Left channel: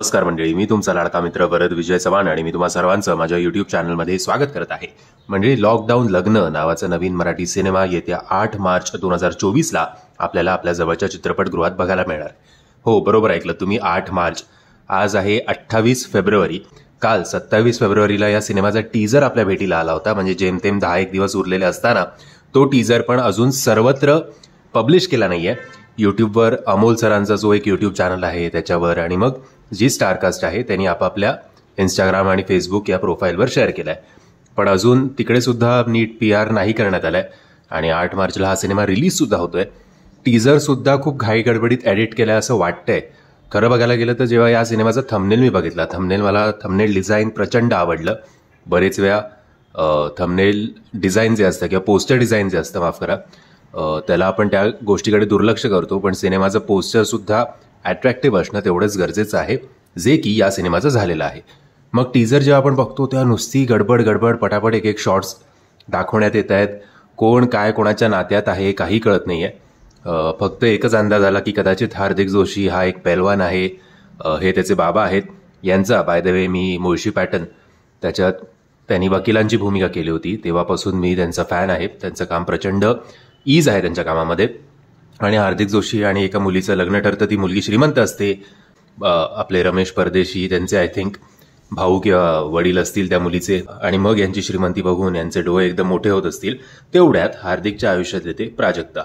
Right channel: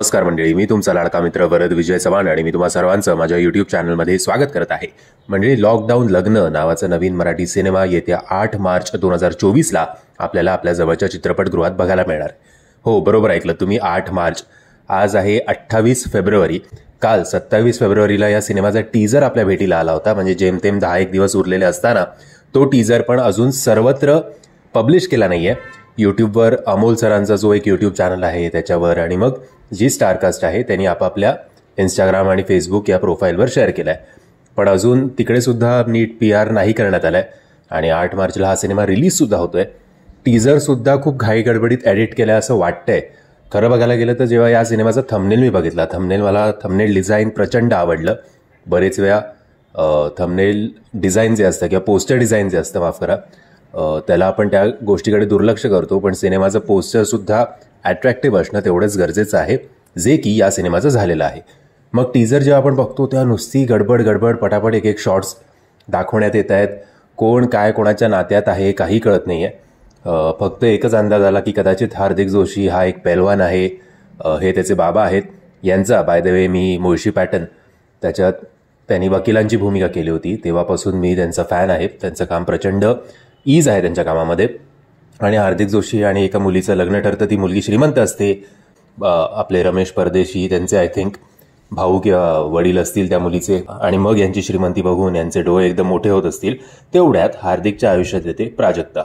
नमस्कार मंडळी, मी तुमचा लाडका मित्र वरद विजय चव्हाण आणि मी तुम्हा सर्वांचं माझ्या युट्यूब चॅनलमध्ये स्वागत करत आहे. मंडळी, लॉकडाऊन लग्न नावाचा नवीन मराठी सिनेमा येत्या 8 मार्च 2024ला आपल्याला आपल्या जवळच्या चित्रपटगृहात बघायला मिळणार. हो, बरोबर ऐकलं तुम्ही, 8 मार्च. आज आहे 28 फेब्रुवारी. काल 27 फेब्रुवारीला या सिनेमाचा टीजर आपल्या भेटीला आला होता. म्हणजे जेमतेम 10 दिवस उरलेले असताना तो टीजर पण अजून सर्वत्र पब्लिश केला नाहीये. युट्यूबवर अमोल सरांचा जो एक युट्यूब चॅनल आहे त्याच्यावर आणि मग जी स्टारकास्ट आहे त्यांनी आपापल्या इंस्टाग्राम आणि फेसबुक या प्रोफाईलवर शेअर केलाय. पण अजून तिकडे सुद्धा नीट PR नाही करण्यात आलाय आणि 8 मार्चला हा सिनेमा रिलीज सुद्धा होतोय. टीजर सुद्धा खूप घाई गडबडीत एडिट केलाय असं वाटतंय. खरं बघायला गेलं तर जेव्हा या सिनेमाचा थंबनेल मी बघितला, मला थंबनेल डिझाईन प्रचंड आवडलं. बरेच वेळा थंबनेल डिझाईन जे असतं किंवा पोस्टर डिझाईन जे असतं, माफ करा, त्याला आपण त्या गोष्टीकडे दुर्लक्ष करतो. पण सिनेमाचं पोस्टर सुद्धा अट्रॅक्टिव्ह असणं तेवढंच गरजेचं आहे, जे की या सिनेमाचं झालेलं आहे. मग टीजर जेव्हा आपण बघतो तेव्हा नुसती गडबड पटापट एक शॉर्ट्स दाखवण्यात येत आहेत. कोण काय कोणाच्या नात्यात आहे काही कळत नाहीये. फक्त एकच अंदाज आला की कदाचित हार्दिक जोशी हा एक पैलवान आहे, हे त्याचे बाबा आहेत. यांचा by the way me Mulshi pattern त्याच्यात त्यांनी वकिलांची भूमिका केली होती, तेव्हापासून मी त्यांचा फॅन आहे. त्यांचं काम प्रचंड ईज आहे त्यांच्या कामामध्ये. आणि हार्दिक जोशी आणि एका मुलीचं लग्न ठरतं. ती मुलगी श्रीमंत असते. आपले रमेश परदेशी त्यांचे आय थिंक भाऊ किंवा वडील असतील त्या मुलीचे. आणि मग यांची श्रीमंती बघून यांचे डोळे एकदम मोठे होत असतील. तेवढ्यात हार्दिकच्या आयुष्यात येते प्राजक्ता.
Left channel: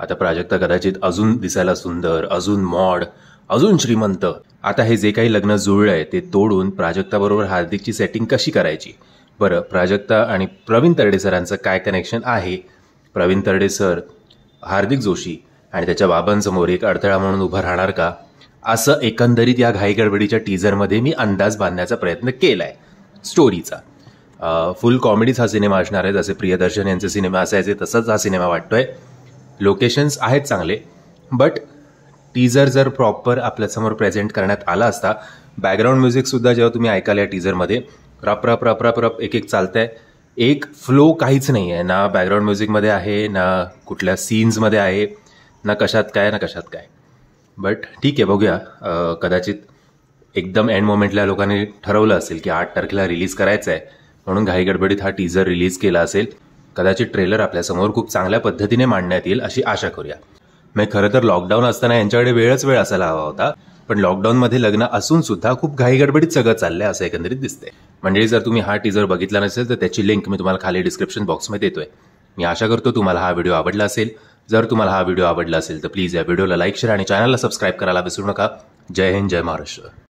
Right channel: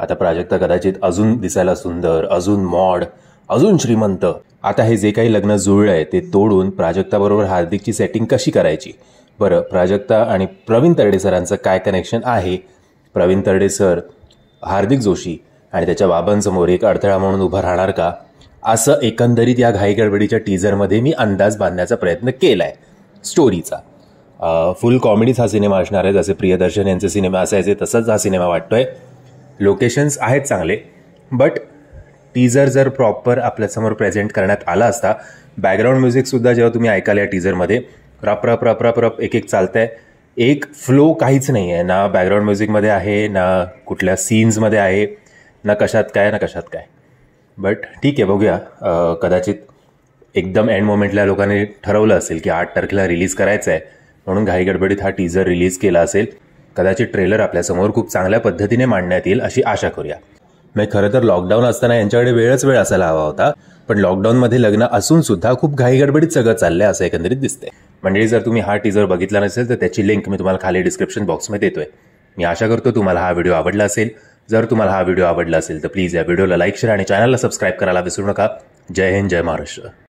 आता प्राजक्ता कदाचित अजून दिसायला सुंदर, अजून मॉड, अजून श्रीमंत. आता हे जे काही लग्न जुळलंय ते तोडून प्राजक्ताबरोबर हार्दिकची सेटिंग कशी करायची? बरं, प्राजक्ता आणि प्रवीण तरडे सरांचं काय कनेक्शन आहे? प्रवीण तरडे सर हार्दिक जोशी आणि त्याच्या बाबांसमोर एक अडथळा म्हणून उभं राहणार का? असं एकंदरीत या घाईगडबडीच्या टीजरमध्ये मी अंदाज बांधण्याचा प्रयत्न केलाय स्टोरीचा. फुल कॉमेडीच हा सिनेमा असणार आहे. जसे प्रियदर्शन यांचे सिनेमा असायचे तसंच हा सिनेमा वाटतोय. लोकेशन्स आहेत चांगले, बट टीजर जर प्रॉपर आपल्यासमोर प्रेझेंट करण्यात आला असता. बॅकग्राऊंड म्युझिक सुद्धा जेव्हा तुम्ही ऐकाल या टीजरमध्ये, रप रप रप रप रप एक चालतंय. एक फ्लो काहीच नाही आहे, ना बॅकग्राऊंड म्युझिकमध्ये आहे, ना कुठल्या सीन्समध्ये आहे, ना कशात काय. बट ठीक आहे, बघूया. कदाचित एकदम एंड मोमेंटला लोकांनी ठरवलं असेल की 8 तारखेला रिलीज करायचं आहे, म्हणून घाईगडबडीत हा टीजर रिलीज केला असेल. कदाचित ट्रेलर आपल्यासमोर खूप चांगल्या पद्धतीने मांडण्यात येईल अशी आशा करूया. मग खरं तर लॉकडाऊन असताना यांच्याकडे वेळ असायला हवा होता. पण लॉकडाऊनमध्ये लग्न असून सुद्धा खूप घाईगडबडीत सगळं चाललंय असं एकंदरीत दिसतंय. म्हणजे जर तुम्ही हा टीजर बघितला नसेल तर त्याची लिंक मी तुम्हाला खाली डिस्क्रिप्शन बॉक्समध्ये देतोय. मी आशा करतो तुम्हाला हा व्हिडिओ आवडला असेल. जर तुम्हाला हा व्हिडिओ आवडला असेल तर प्लीज या व्हिडिओला लाईक, शेअर आणि चॅनलला सबस्क्राईब करायला विसरू नका. जय हिंद, जय महाराष्ट्र.